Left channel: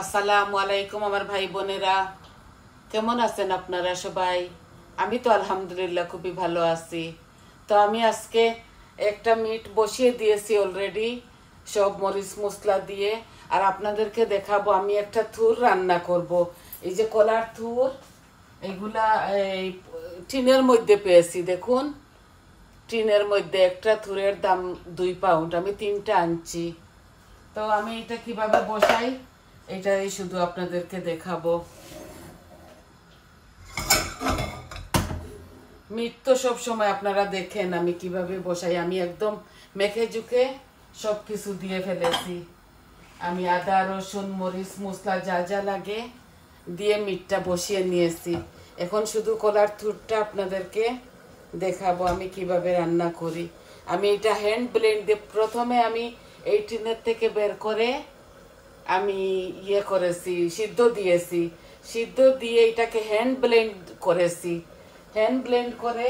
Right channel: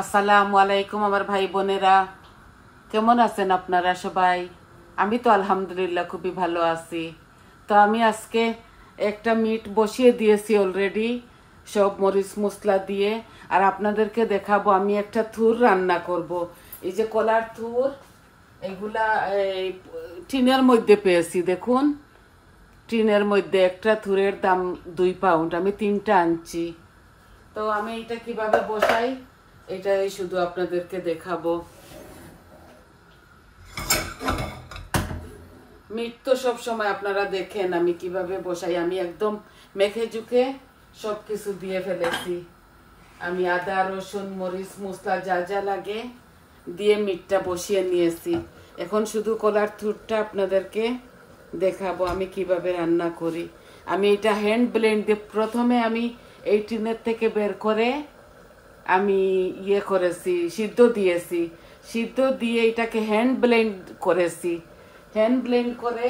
আসসালামু আলাইকুম আমার ভাই বোনেরা, কেমন আছেন আপনারা সবাই? আমি তো আলহামদুলিল্লাহ খুবই ভালো আছি। তো আমি আজকে একটা মিট বসিয়ে দিয়েছি অলরেডি, সব মরিচ মশলা দিয়ে। আর আপনাদেরকে দেখাবো আমি একটা থুর রান্না করব। এই যে কলার থুর, এগুলা এই টিনের মধ্যে পেয়েছি, দেখুন। টিনের মধ্যে একটা থুরের দাম 2 পাউন্ড, আমি 3টা আনছি। তো আমি এটা কিভাবে বসাই এটাই শুধু আপনাদেরকে দেখাবো। মিট তো সব সময় আপনারা দেখেন আমি কিভাবে বসাই। আমি একদম মেখে জুখে সব কিছু দিয়ে ফেলেছি। আমি আদা রসুন মরিচ মশলা যা যা লাগে দিয়ে মিটটা বসিয়ে নিয়েছি। এখন শুধু কলার থুরটা আপনাদেরকে দেখাবো আমি কিভাবে রান্না করি। আমি এটা হ্যান্ড ব্লেন্ড দিয়ে প্রথমে আমি এই টিনের থেকে বের করে আমি করেছি, সিদ্ধ দিয়েছি। সিদ্ধ দিয়ে এটাকে হ্যান্ড ব্লেন্ড করেছি। হ্যান্ড ব্লেন্ড করে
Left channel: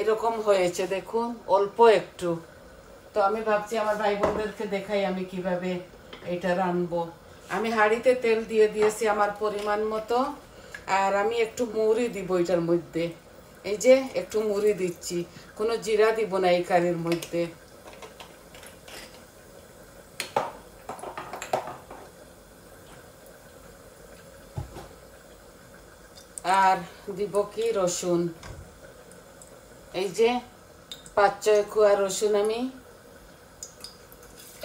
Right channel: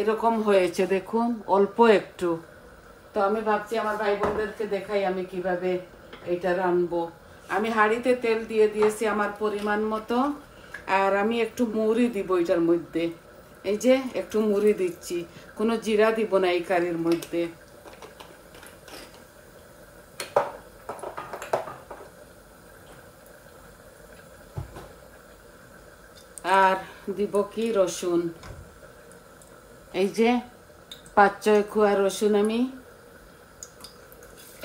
এরকম হয়েছে, দেখুন, অল্প একটু। তো আমি ভাবছি আমার ভাই বোনদেরকে দেখাই আমি কিভাবে এটা রানবো। আমি হাঁড়িতে তেল দিয়ে দিয়েছি আমার পরিমাণ মতো। আর আমি একটু মৌরি দিব এটার মধ্যে। এই যে একটু মুড়ি দিচ্ছি, কোনো জিরা দিব না এই কারির মধ্যে। আর দিব কি রসুন, এই যে 5-6 কোয়া রসুন আমি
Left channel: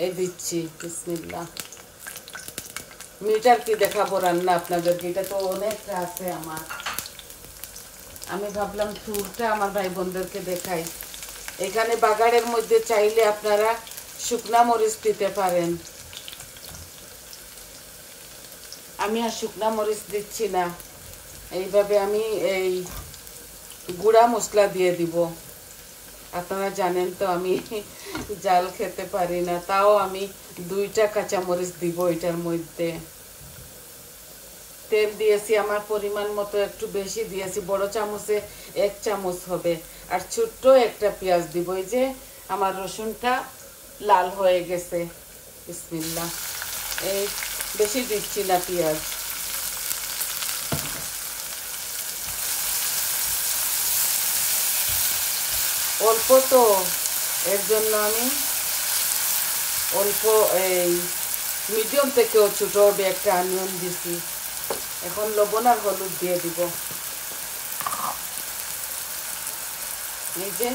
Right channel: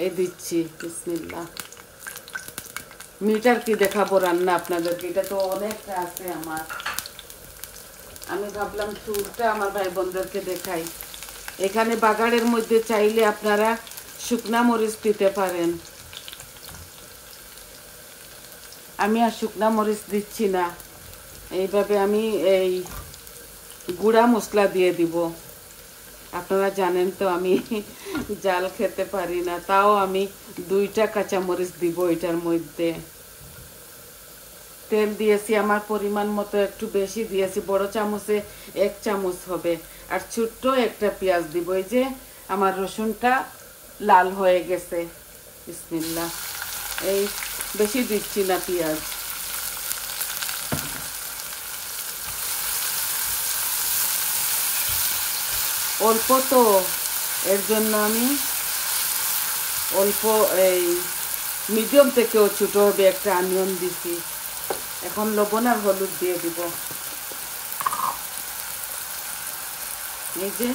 এই দিচ্ছি। বিসমিল্লাহ। মিটার কি দেখাবো রান্না আপনাদেরকে, এটা তো অনেকটা আছে আমার। আমি ভাবলাম থুরটা আমার ভাই বোনদেরকে দেখাই। এখানে বাগারের মধ্যে চাইলে আপনারা শুকনা মরিচ দিতে পারেন। আমি আর শুকনা মরিচ দিচ্ছি না, এইভাবে আমি এই গুঁড়া মশলা দিয়ে দিব। আপনারা জানেন তো আমি জাল খেতে পারি না, তাও আমি 2টা কাঁচামরিচ দিব এটার মধ্যে। তেল দিয়েছি আমার পরিমাণ মতো, একটু বেশি দিয়েছি, বড় চামচে 1 চামচ হবে। আর ছোট্ট একটা পেঁয়াজ দিব। এই যে আমার রসুনটা লাল হয়ে গেছে। বিসমিল্লাহ। এই বেশি দিচ্ছি না পেঁয়াজ। অল্প তো, এর জন্য আমি অল্প এই মিডিয়াম থেকেও ছোট হবে একটা অনিয়ন দিছি। এখন লবণ আর হলুদ দিয়ে দিব। এই যে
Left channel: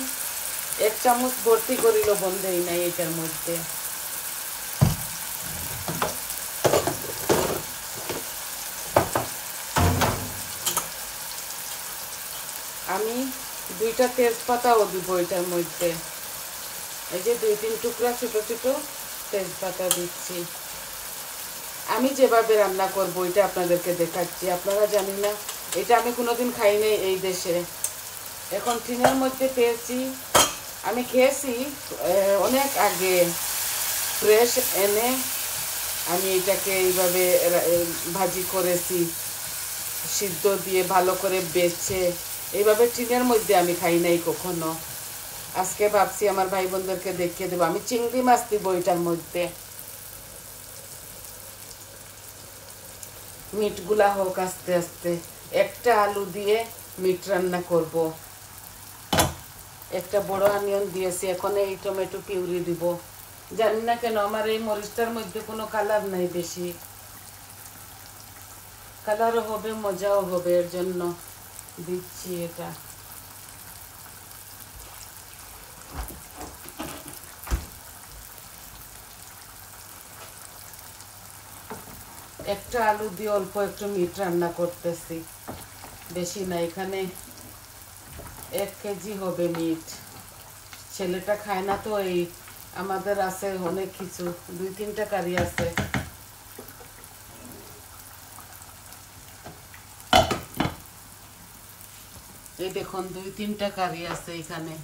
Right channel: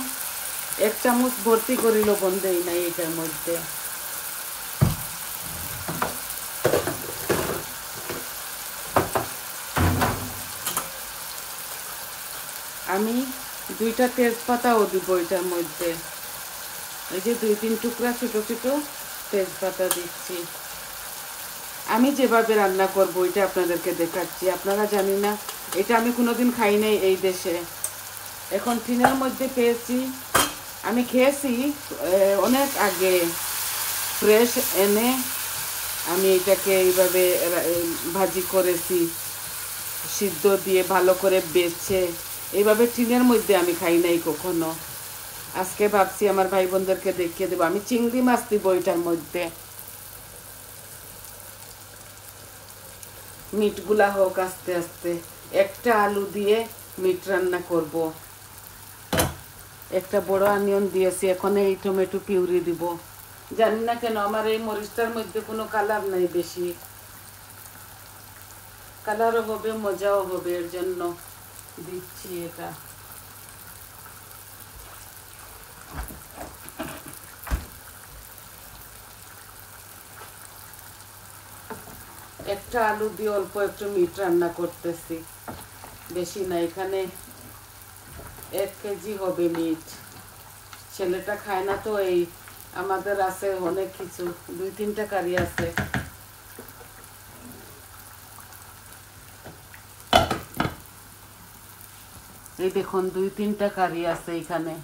1 চামচ ভর্তি করে লবণ দেই নাই এটার মধ্যে। আমি 2টা তেজপাতাও দিব এটার মধ্যে। এই যে 2-3 টুকরা ছোট ছোট তেজপাতা দিচ্ছি। আমি যেভাবে রান্না করবো এটা আপনাদেরকে দেখাচ্ছি। আপনারা জানি না, এটা আমি কোনোদিন খাই নাই এই দেশে। এখন টিনের মধ্যে পেয়েছি, আমি খেয়েছি অনেক আগে, ফ্রেশ এনে আমি এটাকে এইভাবে ভাজি করেছি, সিদ্ধ দিয়ে ভালো করে বেছে। এইভাবে টিনের মধ্যে আমি খাই নাই কখনো। আজকে ভাবছি আমার ভাই বোনদেরকে দেখিয়ে দেবো। আমি চিংড়ি মাছ দিব এটার মধ্যে। মিটগুলা হোক আস্তে আস্তে। একটা আলু দিয়ে মিট রান্না করব। একটা বড় অনিয়ন দিয়েছি, এখন এই টমেটো পিউরি দিব। জানি না কেন আমার এই মরিচটার মধ্যে কোনো কালার নেই বেশি। কালারও হবে, মজাও হবে, এর জন্য দিচ্ছি এটা। একটা আলু দিয়ে অল্প একটু মিট রান্না করতেছি, বেশি না। এখানে 1 কেজি হবে মিট। ছেলেটা খায় না তো, এই আমাদের আছে অনেক কিছু, 2-3টা কারি আছে। এই দেখুন 2-3টা কারি আছে এখানে।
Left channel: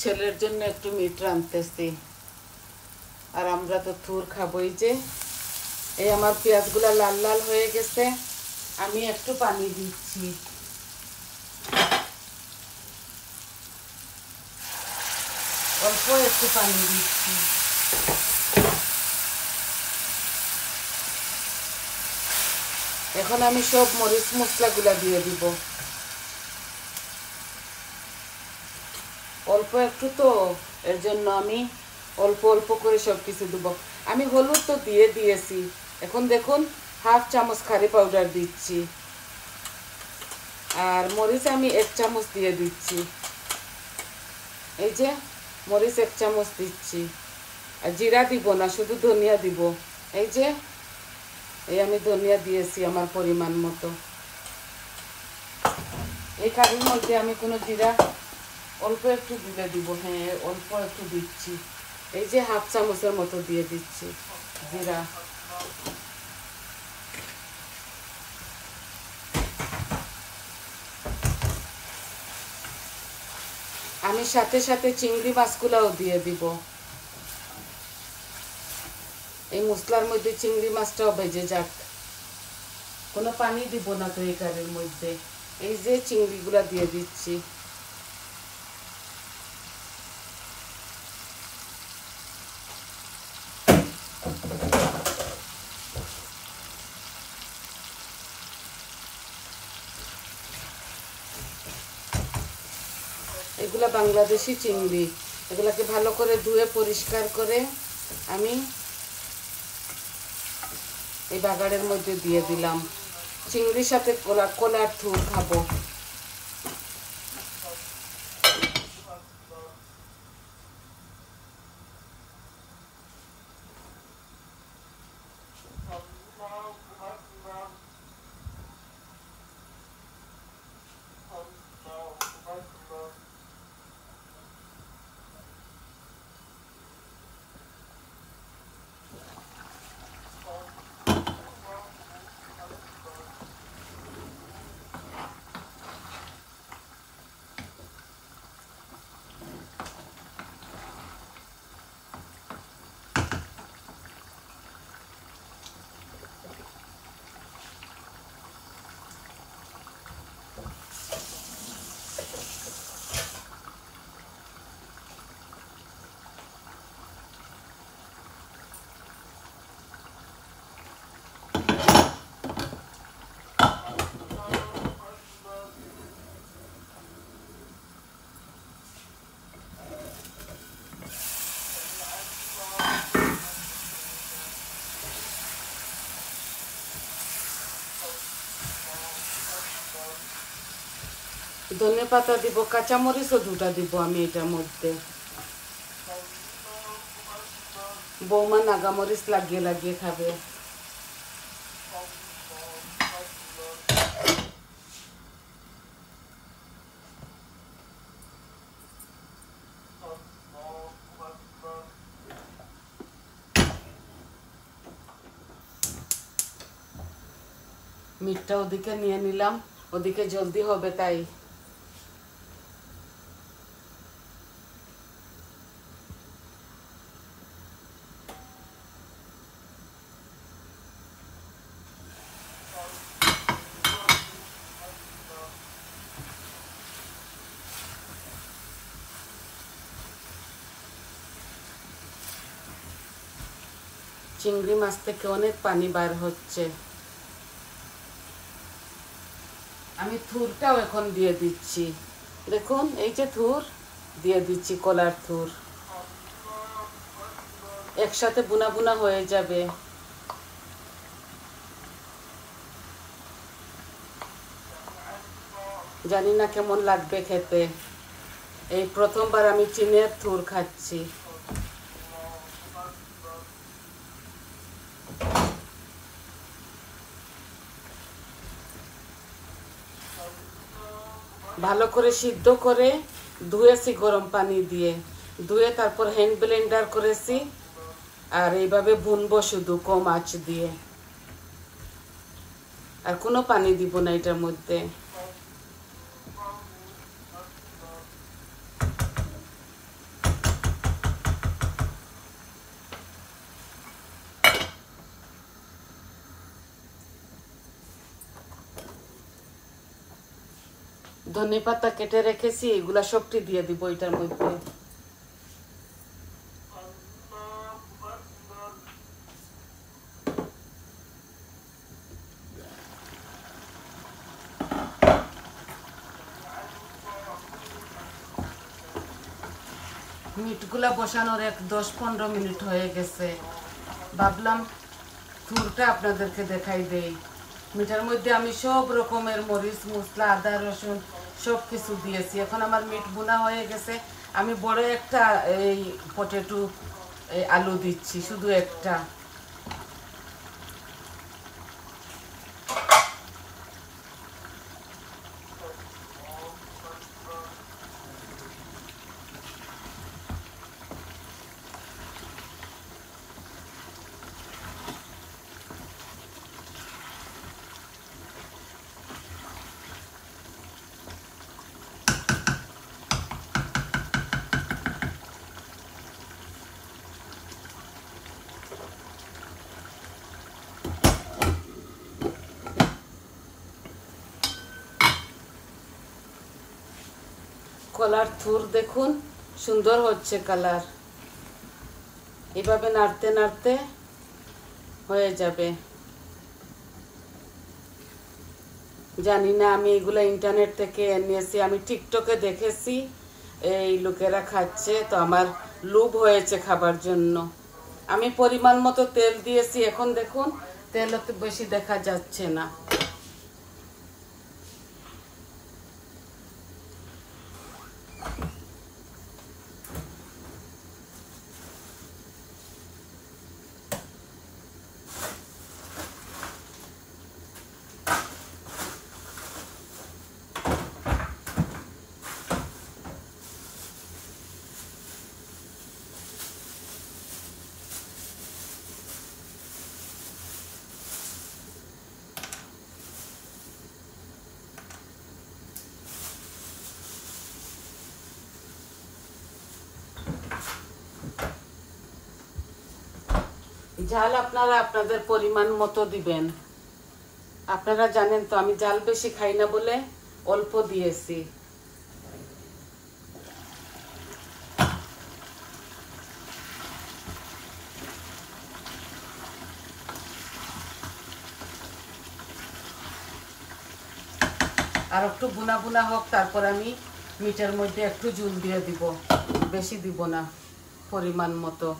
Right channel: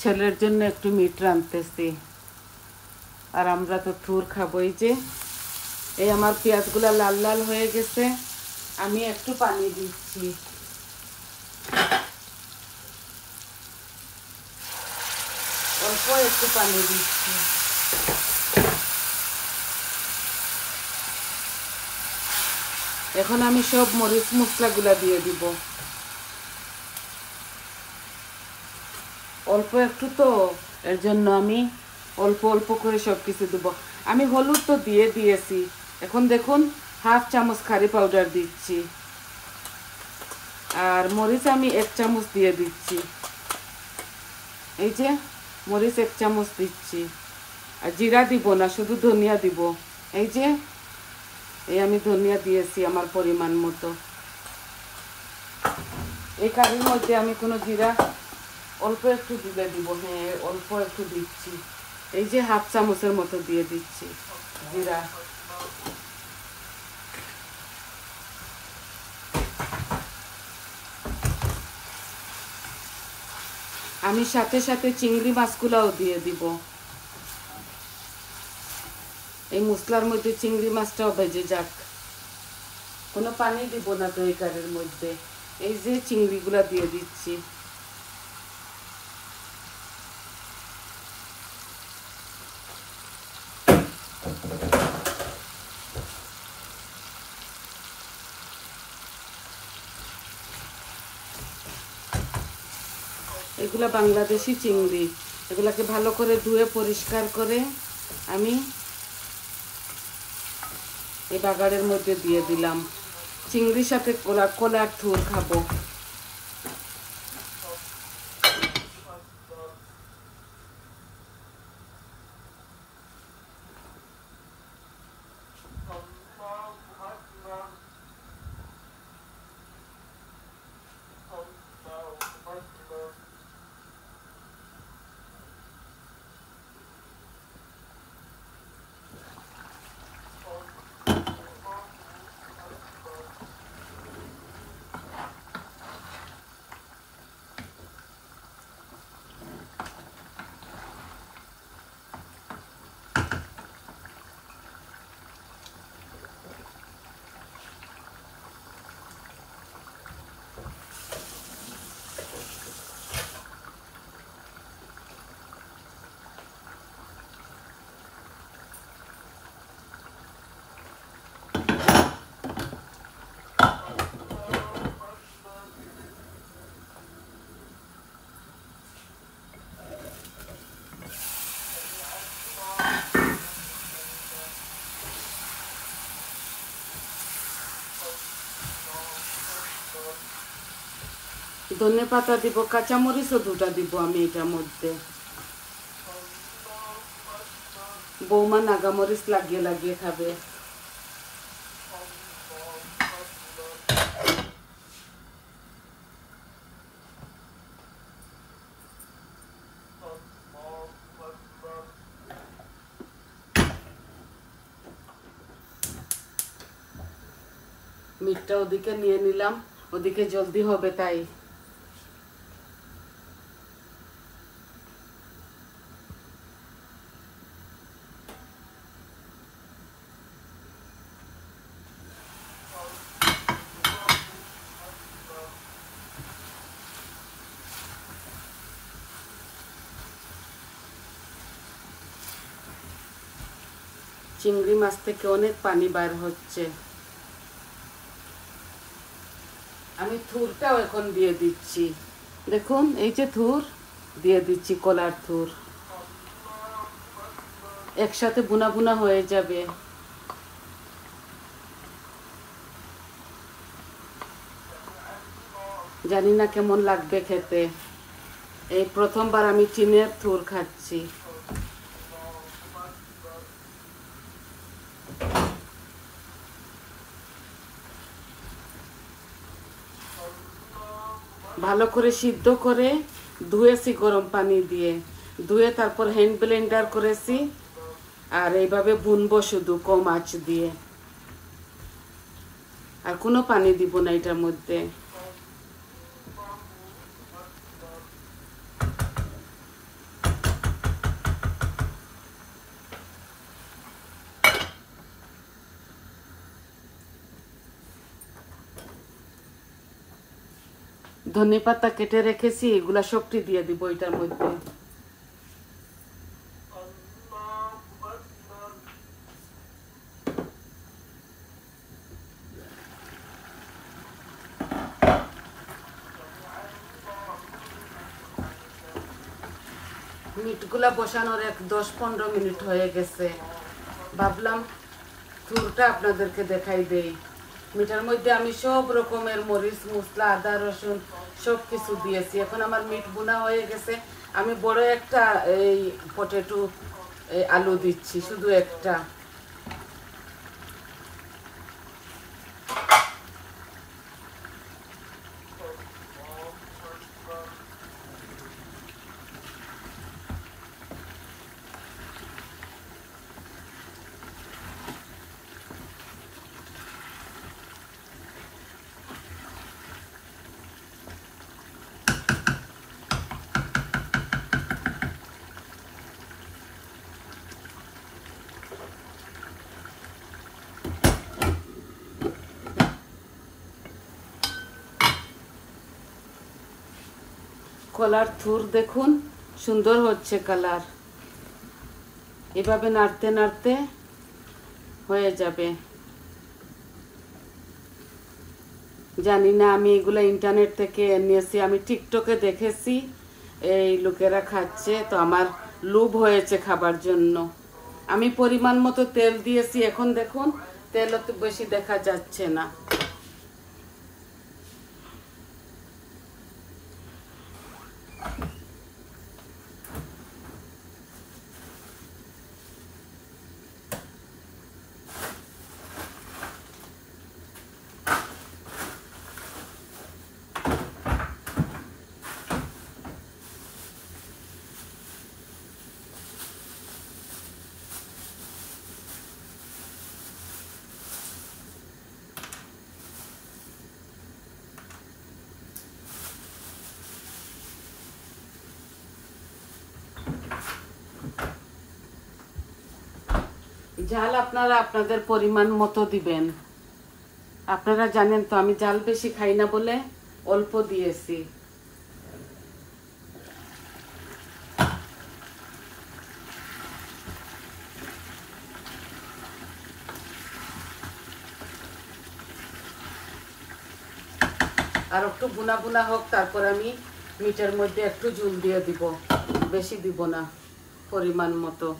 ছেলের জন্য একটু মিট রাঁধতেছি। আর আমরা তো থুর খাবো। এই যে এই আমার পেঁয়াজগুলা লাল লাল হয়ে গেছে, আমি একটু পানি দিচ্ছি। অল্প একটু পানি দিচ্ছি। এখন আমি সব মরিচ মশলাগুলা দিয়ে দিব। অল্প একটু তো, এর জন্য আমি অল্প অল্প করে সব কিছু দেবো। আমি হলুদ তো দিয়ে দিয়েছি, এখন দেখুন হাফ চামচ কারি পাউডার দিচ্ছি, আর মরিচ আমি 1 চামচ দিয়ে দিচ্ছি। এই যে মরিচ 1 চামচ দিচ্ছি, আর জিরা দিব না, শুধু ধনিয়া দিব। এই যে আমি ধনিয়া দিয়েছি আমার পরিমাণ মতো। এই কারির মধ্যে আমি কোনো জিরা অল্প একটু দিয়ে দিব, হ্যাঁ অল্প একটু দিচ্ছি। এই যে হাফ চামচের মতো দিয়ে দিচ্ছি জিরা। আমি সাথে সাথে চিংড়ি মাছগুলাও দিয়ে দিব। এই মশলার মধ্যে চিংড়ি মাছটাও ভেজে যাক, কোনো পানি দিব না তো এই কারির মধ্যে। এই যে চিংড়িগুলা দিয়ে দিচ্ছি। এগুলা বাংলাদেশি চিংড়ি, এগুলাকে ভালো করে ধুয়ে পরিষ্কার করে আমি এই বাগারের মধ্যে দিয়ে দিলাম। চিংড়ির সাথে কলার থুর খাবো। ধনে পাতা দিব, কাঁচামরিচও 2টা দিব আমি এটার মধ্যে। বৌমা নাগামরিচ লাগিয়ে লাগিয়ে খাবে। মিটটা ওদিকে নিয়ে নিলাম, ওদিকে জলদি হবে তাই। চিংড়ি মাছ থেকে অনেক পানি বার হচ্ছে। আমি থুরটাও এখন দিয়ে দিচ্ছি, দেখুন এই যে থুর দিয়ে দিচ্ছি, কলার থুর একসাথে বুনা বুনা হয়ে যাবে। জানি না কেমন লাগবে খেতে, এই প্রথমবার আমি চিনের থুর খাচ্ছি। ভালো করে সিদ্ধ করে ধুয়েছি গরম পানি দিয়ে, ধুয়ে তারপর হ্যান্ড ব্লেন্ডার করেছি, আর এইভাবে বুনবো শুধু কম আঁচ দিয়ে, আর কোনো পানি দিব না এটার মধ্যে। ধনে পাতা কেটে রেখেছি, এগুলা সবটি দিয়ে দিব এটার মধ্যে। মিটগুলা বসানোর 10-15 মিনিট হয়ে গেছে। ভাবলাম থুরটা আপনাদেরকে দেখাই দেই। মিটার মধ্যে আমি সব রকমের মরিচ মশলা আদা রসুন সব কিছু দিয়েছি। এখন আমার মিট বোনা হয়ে গেছে। আমি বড় একটা এই পটেটো আলু দিচ্ছি, শুধু একটা। কলার থুর দেখুন সুন্দর হচ্ছে কালার। এভাবে নাড়তে নাড়তে হয়ে যাবে। জানি না, আমি এগুলো ইন্টারনেট থেকে নিয়েছি, আমি টিকটকে দেখেছি এই লোকেরা খাচ্ছে, তো আমার লোভ হয়েছে খাবার জন্য। আমি পরিমাণ মতো তেল দিয়েছি। এখন দেখুন তেল অত বেশি দেখা যাচ্ছে না। ঝাল আপনারা আপনাদের পরিমাণ মতো দিবেন। আপনারা জানেন তো আমি ঝাল বেশি খাই না বলে অল্প দিয়েছি। আর একটু বুনা বুনা হোক, তারপর আমি মিটের মধ্যে একটু জল দিয়ে দিব, বেশি দিব না, পরিমাণ মতো।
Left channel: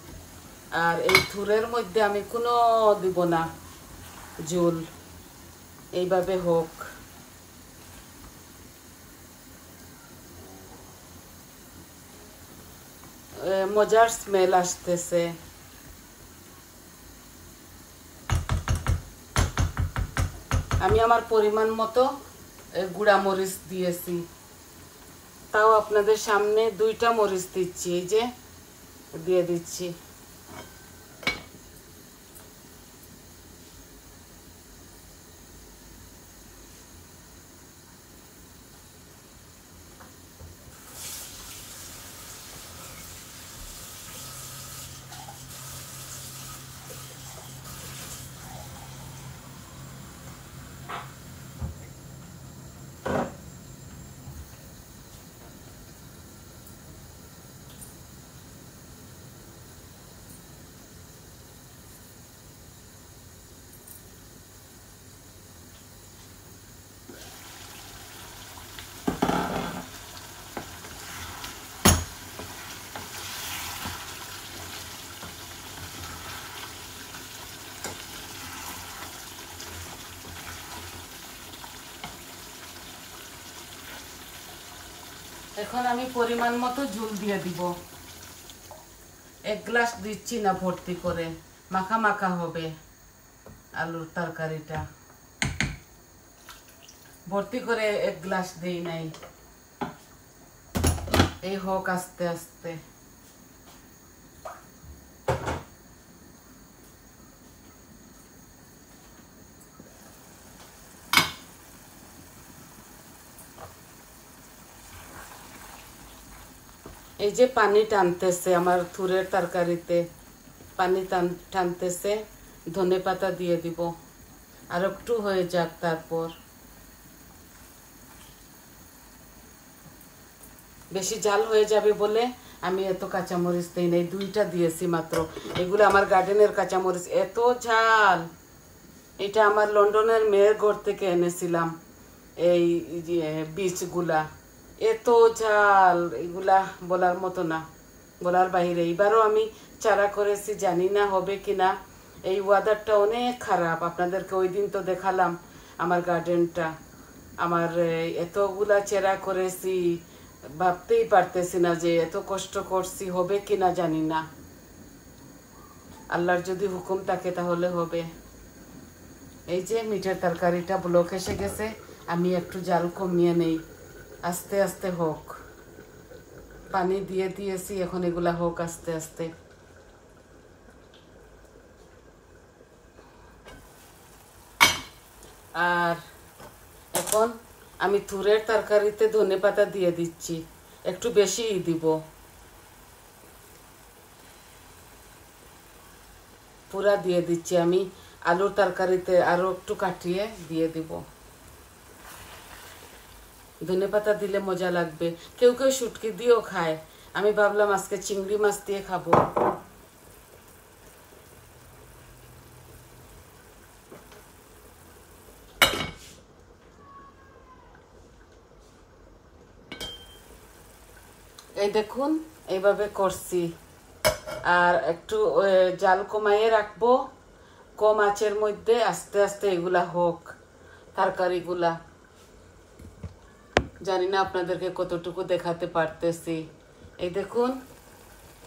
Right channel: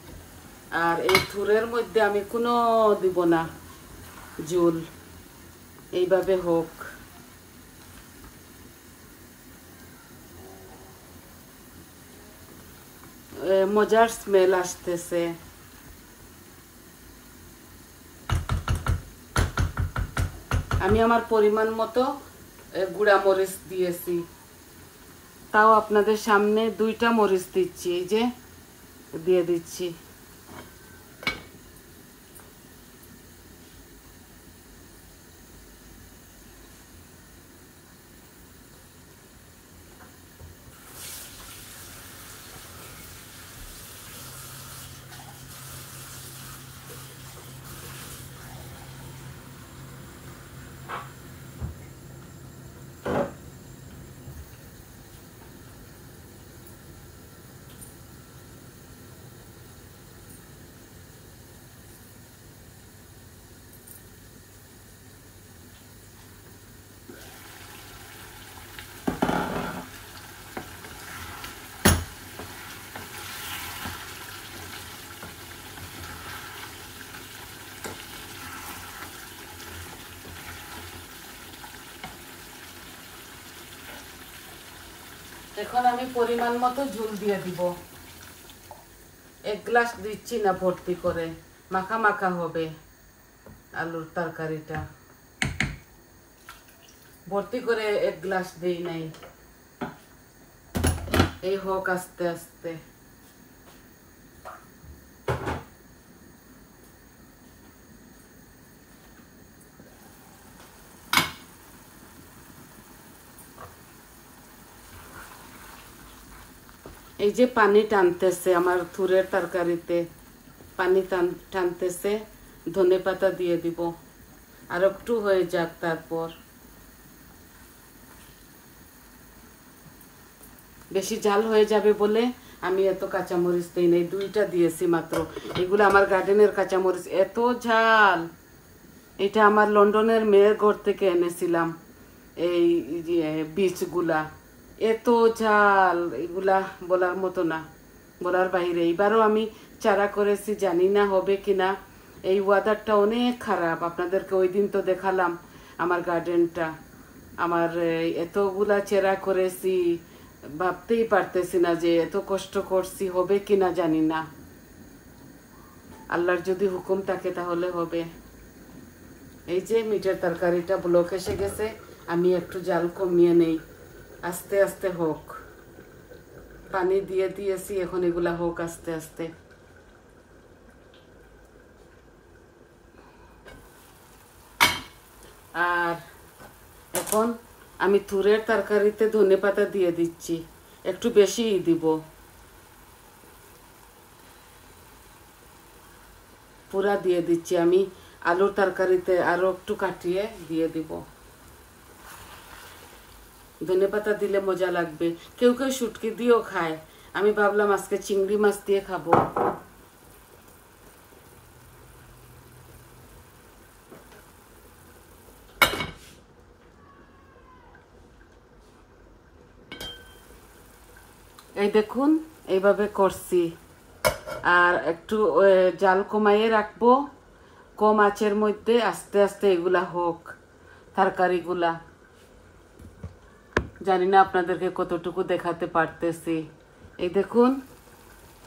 আর এই থুরের মধ্যে আমি কোনো দিব না জল, এইভাবে হোক। মজার স্মেল আসতেছে। আমি আমার পরিমাণ মতো গুঁড়া মরিচ দিয়েছি, তাও আপনাদের সামনে 2টা মরিচ দিচ্ছি, এই যে দিয়ে দিচ্ছি। এখন আমি পরিমাণ মতো ঝোল দিয়ে দিব। 1 গ্লাস দিচ্ছি না, ভর্তি করে, মাখা মাখা হবে আলুর তরকারিটা। ভর্তি করে 1 গ্লাস দেই নাই, এই হোক আস্তে আস্তে। এই যে পানি টানতেছে আমার থুরের তরকারিতে, পানি টানতেছে। ধনে পাতা দিয়ে দিব, আর একটু হয়ে যাক। তারপর বেশি জাল হয়ে যাবে বলে আমি এত কাঁচামরিচ দিই নাই, 2টা দিয়েছি মাত্র। এগুলো আমার গার্ডেনের কাঁচামরিচ, এত ঝাল। এটা আমার লন্ডনের মেয়ের ঘর থেকে এনেছিলাম, এই বীজগুলা এত ঝাল, এগুলা বলার মতো না। বলার বাইরে। এইবারও আমি চারা করেছি, জানি না হবে কিনা। এই ওয়েদারটা অনেক খারাপ, আপনাদেরকে ওই দিন তো দেখালাম আমার গার্ডেনটা। আমার এতগুলা চারা করেছি, ভাবতেই পারতেছি না যে এত কষ্ট করছি, হবে কিনা জানি না। আল্লাহর যদি হুকুম থাকে তাহলে হবে। এই যে মিটের তরকারিটা ব্লক এসে গেছে, আমি একটু জাল কমিয়ে নেই, আস্তে আস্তে হোক। পানি দিয়ে দিয়েছি, এখন এগুলা হোক আস্তে আস্তে। আর এখন আমি তুরের তরকারিতে ধনেপাতা দিয়ে দিচ্ছি, একটু বেশিই দিব, পুরা দিয়ে দিচ্ছি। আমি আলুর তরকারিতে আরো একটু কাটিয়ে দিয়ে দিব। ধনেপাতা দিলে মজা লাগবে। কেউ কেউ শুটকি দিয়েও খায়, আমি ভাবলাম আজকে চিংড়ি মাছ দিয়ে খাবো। এই দেখুন এইভাবে করছি। আর একটু জাল কমাইয়ে রাখবো, কম আঁচের মধ্যে আস্তে আস্তে এগুলা হোক তরকারিগুলা। জানি না আপনাদেরকে কতটুকু দেখাতে পারতেছি। এই দেখুন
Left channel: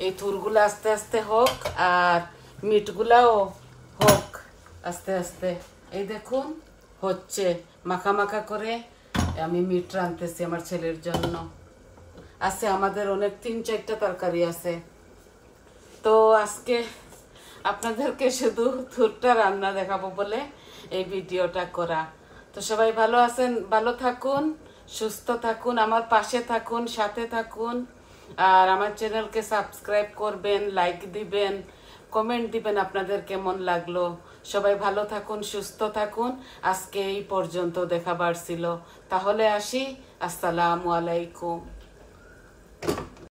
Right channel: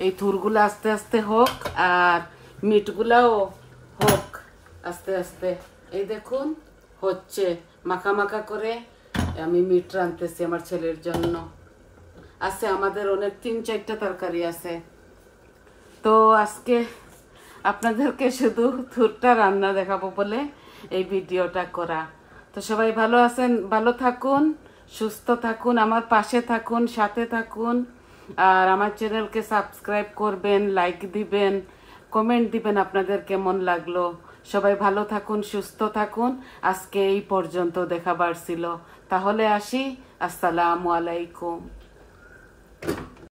এই থুরগুলো আস্তে আস্তে হোক, আর মিটগুলাও হোক আস্তে আস্তে। এই দেখুন হচ্ছে, মাখা মাখা করে আমি মিট রাঁধতেছি আমার ছেলের জন্য। আছে আমাদের অনেক 3-4টা তরকারি আছে। তো আজকে আপনাদেরকে শুধু থুরটা রান্না দেখাবো বলে এই ভিডিওটা করা। তো সবাই ভালো আছেন, ভালো থাকুন, সুস্থ থাকুন, আমার পাশে থাকুন, সাথে থাকুন। আর আমার চ্যানেলকে সাবস্ক্রাইব করবেন, লাইক দিবেন, কমেন্ট দিবেন আপনাদের কেমন লাগলো। সবাই ভালো থাকুন, সুস্থ থাকুন। আজকে এই পর্যন্ত দেখাবার ছিল, তাহলে আসি। আসসালামু আলাইকুম।